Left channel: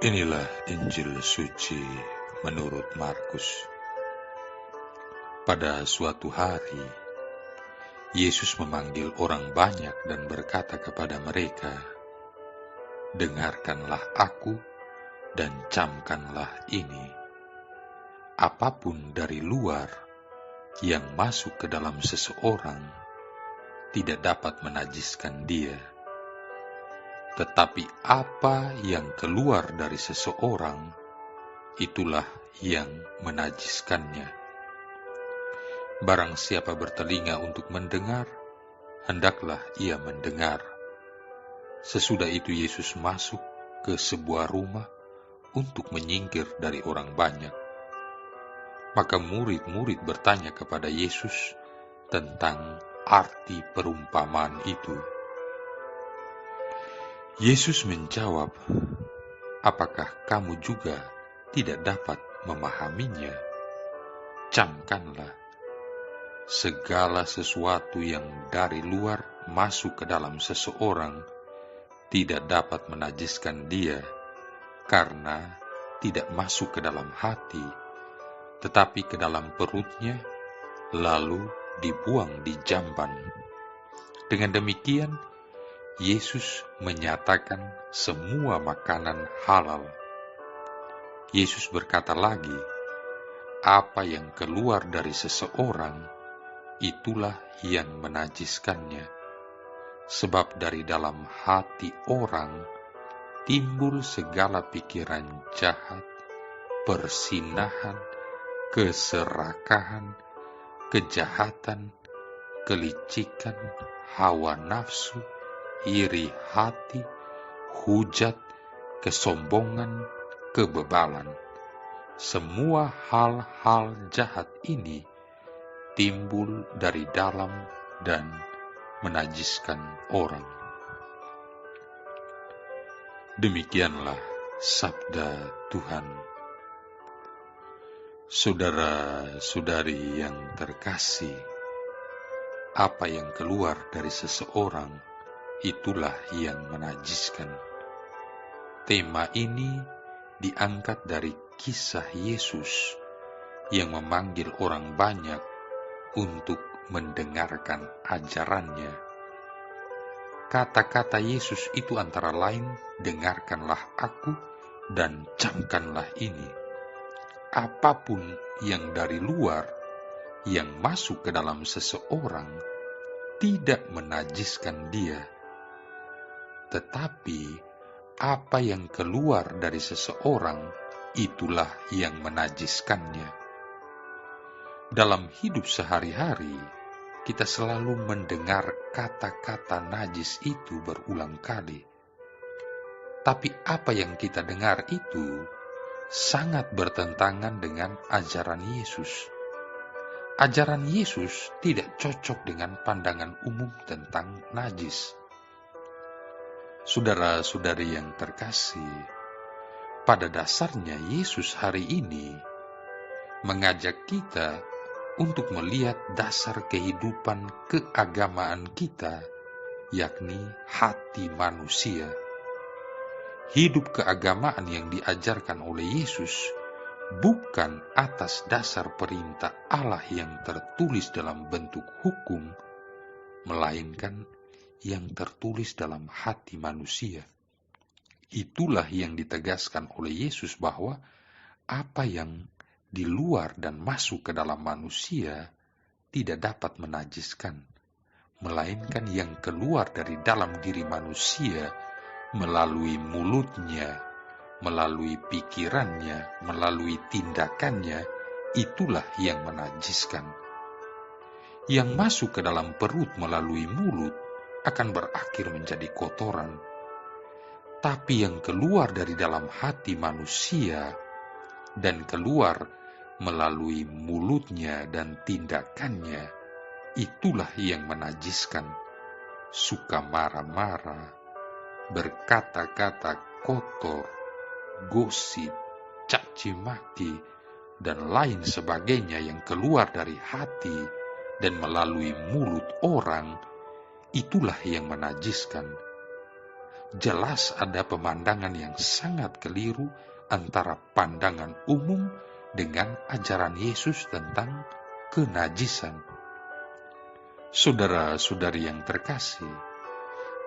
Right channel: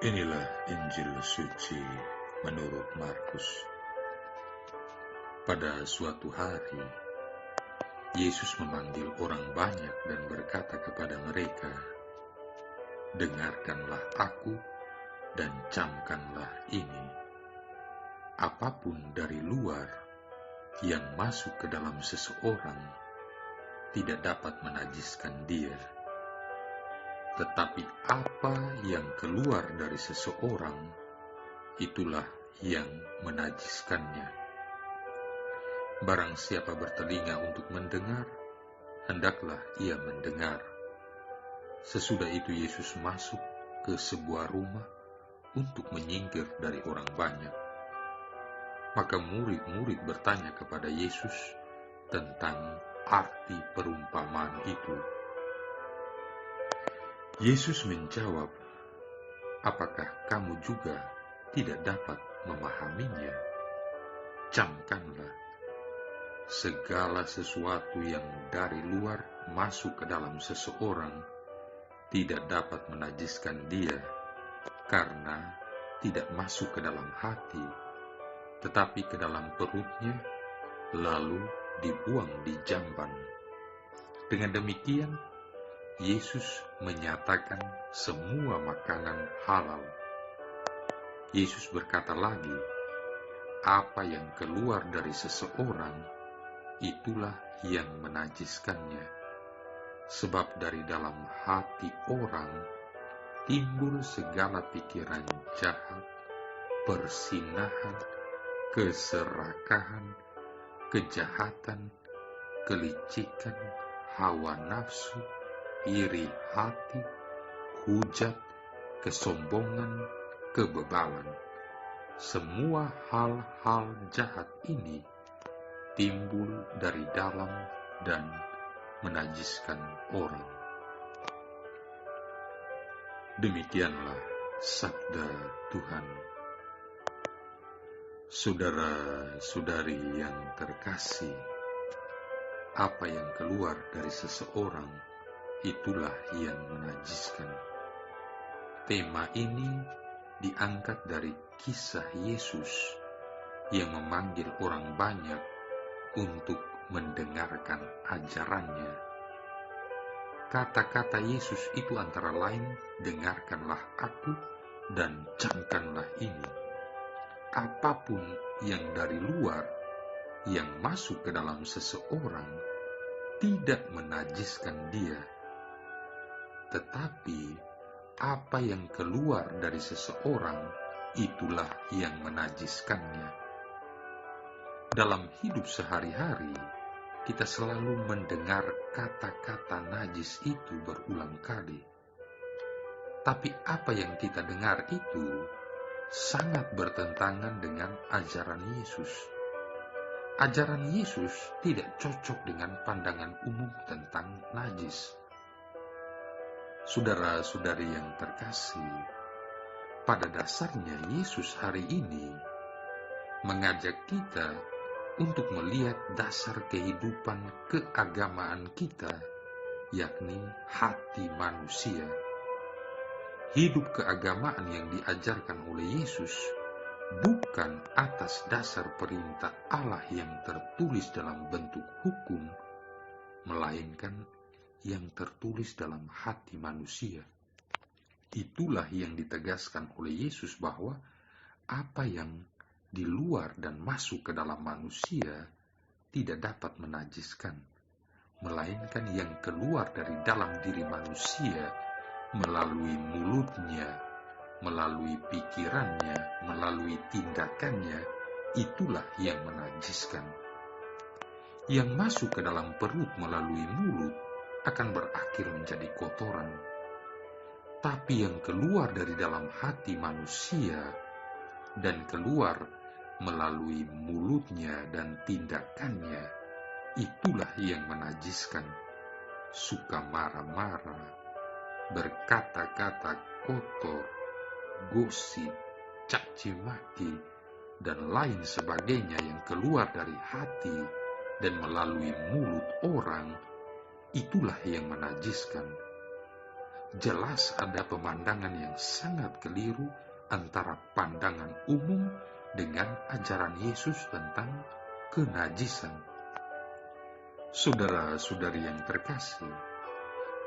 Inilah Injil suci menurut Markus. Pada suatu hari, Yesus memanggil orang banyak dan berkata kepada mereka, "Dengarkanlah aku dan camkanlah ini. Apapun dari luar yang masuk ke dalam seseorang tidak dapat menajiskan dia. Tetapi apa yang keluar dari seseorang, itulah yang menajiskannya. Barang siapa bertelinga untuk mendengar, hendaklah ia mendengar." Sesudah itu Yesus masuk ke sebuah rumah untuk menyingkir dari orang banyak. Maka murid-murid bertanya kepada Yesus tentang arti perumpamaan itu. Yesus menjawab, "Apakah kamu juga tidak dapat memahaminya? Camkanlah. Segala sesuatu yang dari luar masuk ke dalam seseorang tidak dapat menajiskan dia, karena tidak masuk ke dalam hati, tetapi ke dalam perutnya, lalu dibuang di jamban." Dengan demikian, Yesus menyatakan semua makanan halal. Yesus berkata lagi, apa yang keluar dari seseorang, itulah yang menajiskannya. Sebab dari dalam hati orang timbul segala pikiran jahat, persinahan, keserakahan, kejahatan, kelicikan, hawa nafsu, iri hati, hujat, kesombongan, kebebalan. Semua hal-hal jahat ini timbul dari dalam dan menajiskan orang. Demikianlah sabda Tuhan. Saudara-saudari yang terkasih, apa yang keluar dari seseorang, itulah yang menajiskan. Tema ini diangkat dari kisah Yesus yang memanggil orang banyak untuk mendengarkan ajarannya. Kata-kata Yesus itu antara lain, dengarkanlah aku dan camkanlah ini. Apapun yang dari luar yang masuk ke dalam seseorang tidak menajiskan dia, tetapi apa yang keluar dari seseorang, itulah yang menajiskannya. Dalam hidup sehari-hari, kita selalu mendengar kata-kata najis itu berulang kali. Tapi apa yang kita dengar itu sangat bertentangan dengan ajaran Yesus. Ajaran Yesus tidak cocok dengan pandangan umum tentang najis. Saudara-saudari yang terkasih, pada dasarnya Yesus hari ini mengajak kita untuk melihat dasar kehidupan keagamaan kita, yakni hati manusia. Hidup keagamaan yang diajarkan oleh Yesus bukan atas dasar perintah Allah yang tertulis dalam bentuk hukum, melainkan yang tertulis dalam hati manusia. Itulah yang ditegaskan oleh Yesus, bahwa apa yang di luar dan masuk ke dalam manusia tidak dapat menajiskan, melainkan yang keluar dari dalam diri manusia melalui mulutnya, melalui pikirannya, melalui tindakannya, itulah yang menajiskan. Yang masuk ke dalam perut melalui mulut akan berakhir menjadi kotoran. Tapi yang keluar dari dalam hati manusia dan keluar melalui mulutnya dan tindakannya, itulah yang menajiskan. Suka marah-marah, berkata-kata kotor, gosip, caci maki, dan lain sebagainya yang keluar dari hati dan melalui mulut orang, itulah yang menajiskan. jelas ada pemandangan yang sangat keliru antara pandangan umum dengan ajaran Yesus tentang kenajisan. Saudara-saudari yang terkasih,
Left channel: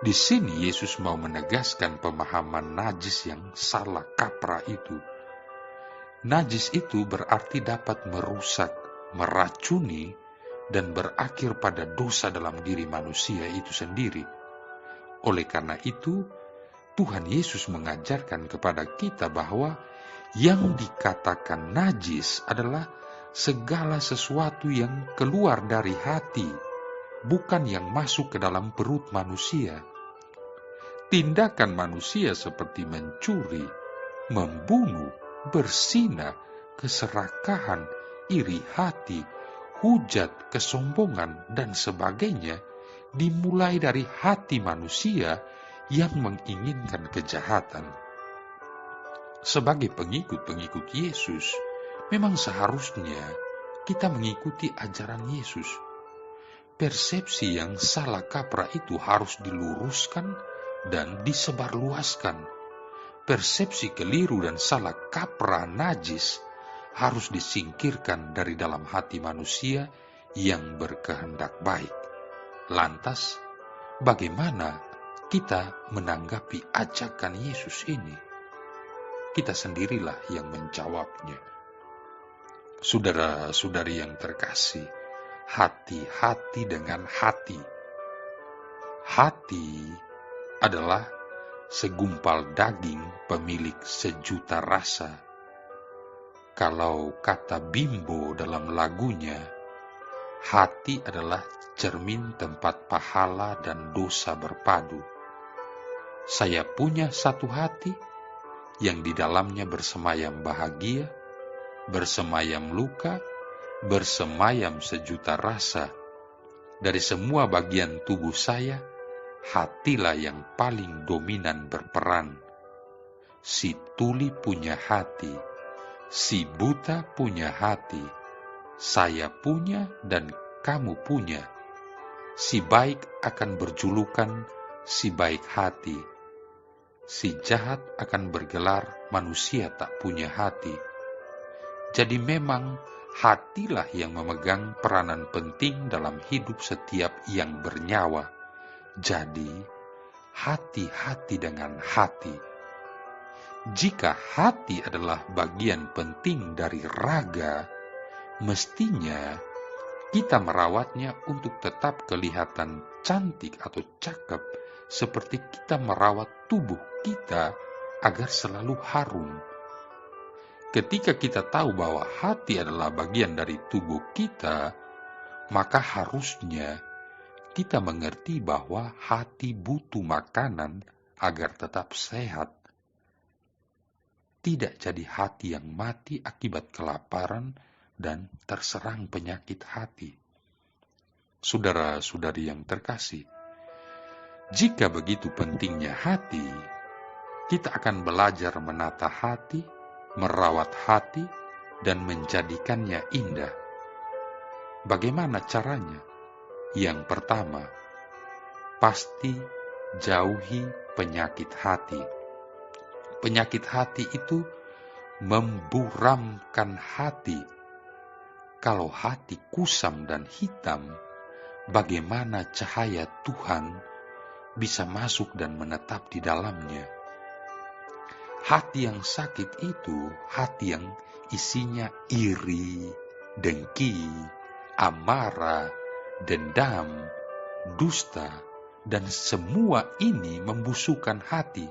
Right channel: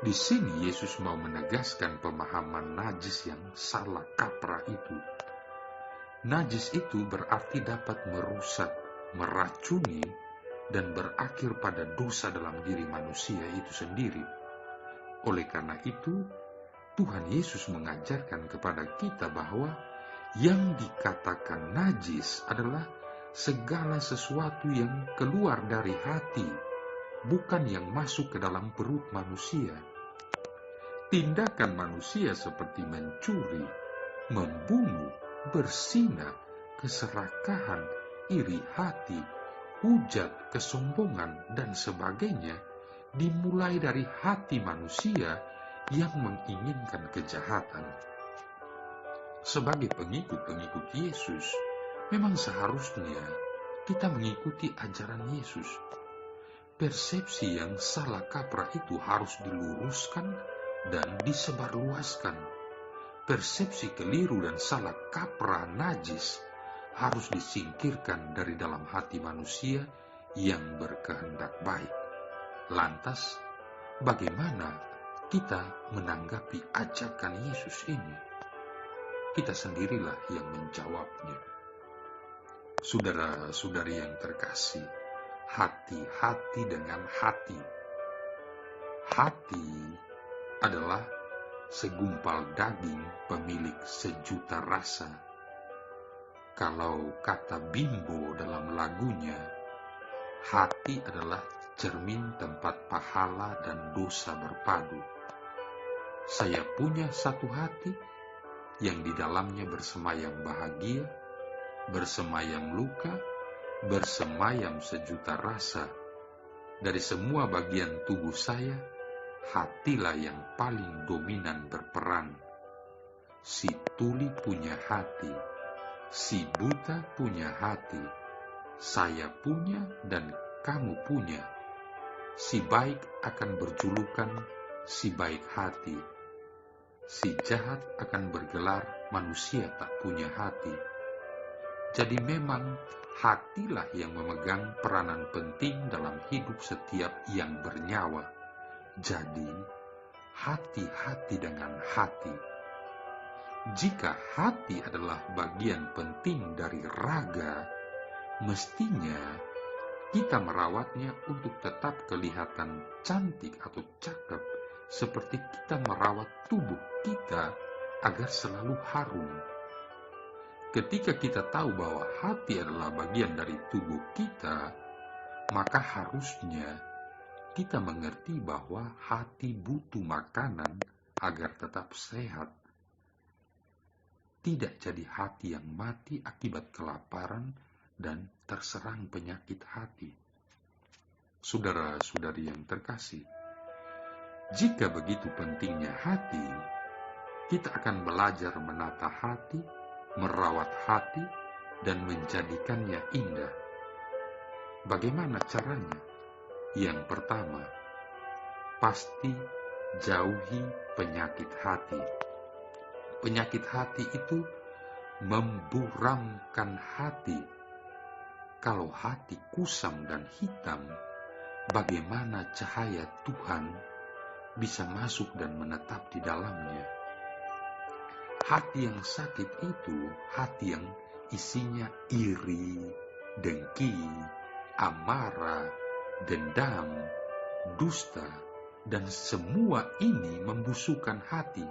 di sini Yesus mau menegaskan pemahaman najis yang salah kaprah itu. Najis itu berarti dapat merusak, meracuni, dan berakhir pada dosa dalam diri manusia itu sendiri. Oleh karena itu, Tuhan Yesus mengajarkan kepada kita bahwa yang dikatakan najis adalah segala sesuatu yang keluar dari hati, bukan yang masuk ke dalam perut manusia. Tindakan manusia seperti mencuri, membunuh, berzina, keserakahan, iri hati, hujat, kesombongan, dan sebagainya dimulai dari hati manusia yang menginginkan kejahatan. Sebagai pengikut-pengikut Yesus, memang seharusnya kita mengikuti ajaran Yesus. Persepsi yang salah kaprah itu harus diluruskan dan disebarluaskan. Persepsi keliru dan salah kaprah najis harus disingkirkan dari dalam hati manusia yang berkehendak baik. Lantas, bagaimana kita menanggapi ajakan Yesus ini? Kita sendirilah yang menjawabnya. Saudara-saudari yang terkasih, hati-hati dengan hati. Hati adalah segumpal daging pemilik sejuta rasa. Kalau kata Bimbo dalam lagunya, hati adalah cermin tempat pahala dan dosa berpadu. Saya punya satu hati yang di dalamnya bersemayam bahagia, bersemayam luka, bersemayam sejuta rasa. Dari semua bagian tubuh saya, hatilah yang paling dominan berperan. Si tuli punya hati, si buta punya hati, saya punya dan kamu punya. Si baik akan berjulukan si baik hati, si jahat akan bergelar manusia tak punya hati. Jadi memang hatilah yang memegang peranan penting dalam hidup setiap yang bernyawa. Jadi, hati-hati dengan hati. Jika hati adalah bagian penting dari raga, mestinya kita merawatnya untuk tetap kelihatan cantik atau cakep, seperti kita merawat tubuh kita agar selalu harum. Ketika kita tahu bahwa hati adalah bagian dari tubuh kita, maka harusnya kita mengerti bahwa hati butuh makanan agar tetap sehat. Tidak jadi hati yang mati akibat kelaparan dan terserang penyakit hati. Saudara-saudari yang terkasih, jika begitu pentingnya hati, kita akan belajar menata hati, merawat hati, dan menjadikannya indah. Bagaimana caranya? Yang pertama, pasti jauhi penyakit hati. Penyakit hati itu memburamkan hati. Kalau hati kusam dan hitam, bagaimana cahaya Tuhan bisa masuk dan menetap di dalamnya? Hati yang sakit itu hati yang isinya iri, dengki, amarah, dendam, dusta, dan semua ini membusukkan hati.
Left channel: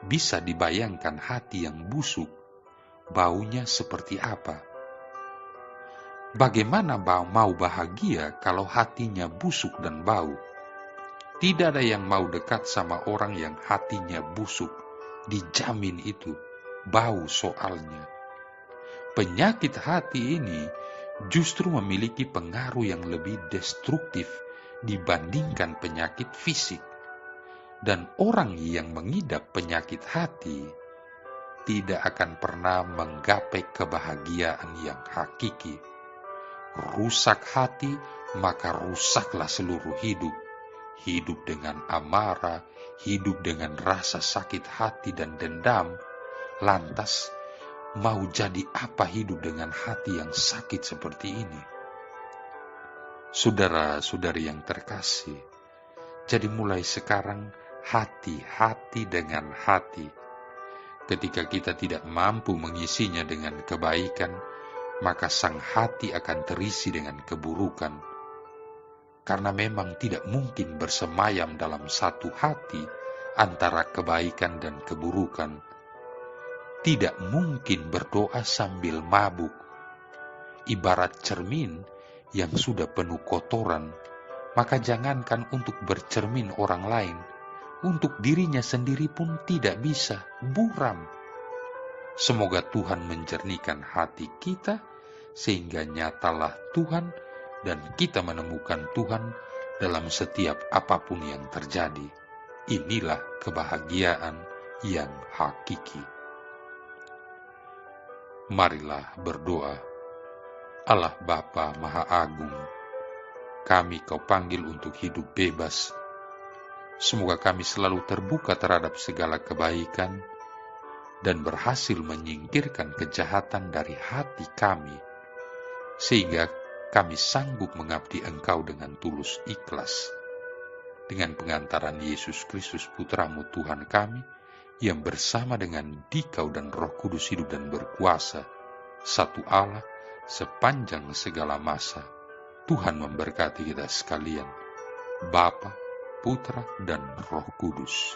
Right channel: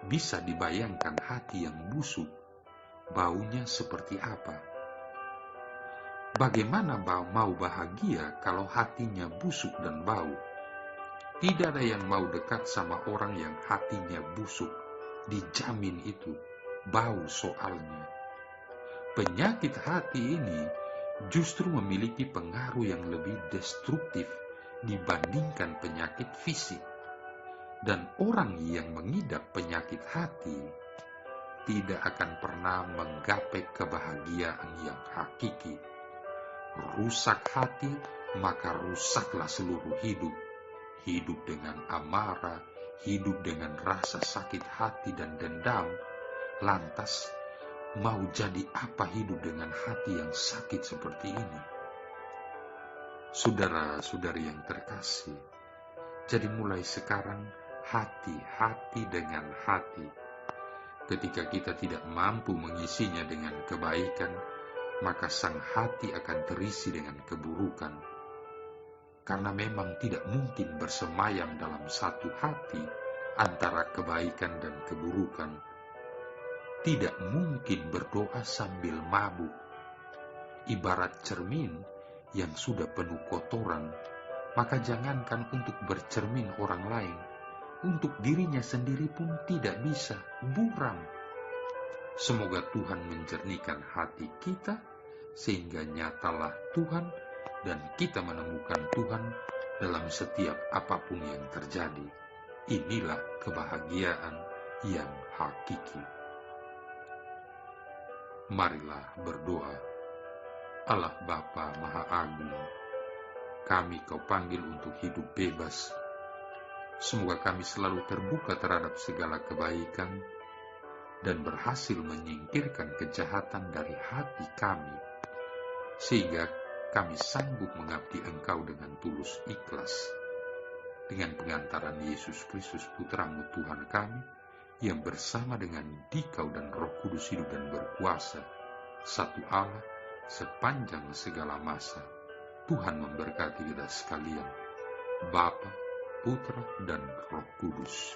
Bisa dibayangkan hati yang busuk, baunya seperti apa? Bagaimana mau bahagia kalau hatinya busuk dan bau? Tidak ada yang mau dekat sama orang yang hatinya busuk. Dijamin itu, bau soalnya. Penyakit hati ini justru memiliki pengaruh yang lebih destruktif dibandingkan penyakit fisik. Dan orang yang mengidap penyakit hati tidak akan pernah menggapai kebahagiaan yang hakiki. Rusak hati, maka rusaklah seluruh hidup. Hidup dengan amarah, hidup dengan rasa sakit hati dan dendam, lantas mau jadi apa hidup dengan hati yang sakit seperti ini? Saudara-saudari yang terkasih, jadi mulai sekarang hati-hati dengan hati. Ketika kita tidak mampu mengisinya dengan kebaikan, maka sang hati akan terisi dengan keburukan. Karena memang tidak mungkin bersemayam dalam satu hati antara kebaikan dan keburukan. Tidak mungkin berdoa sambil mabuk. Ibarat cermin yang sudah penuh kotoran, maka jangankan untuk bercermin orang lain, untuk dirinya sendiri pun tidak bisa, buram. Semoga Tuhan menjernihkan hati kita, sehingga nyatalah Tuhan dan kita menemukan Tuhan dalam setiap apapun yang terjadi. Inilah kebahagiaan yang hakiki. Marilah berdoa. Allah Bapa Maha Agung, kami Kau panggil untuk hidup bebas. Semoga kami selalu terbuka terhadap segala kebaikan dan berhasil menyingkirkan kejahatan dari hati kami, sehingga kami sanggup mengabdi Engkau dengan tulus ikhlas. Dengan pengantaran Yesus Kristus Putra-Mu Tuhan kami, yang bersama dengan Dikau dan Roh Kudus hidup dan berkuasa, satu Allah, sepanjang segala masa. Tuhan memberkati kita sekalian, Bapa, Putra, dan Roh Kudus.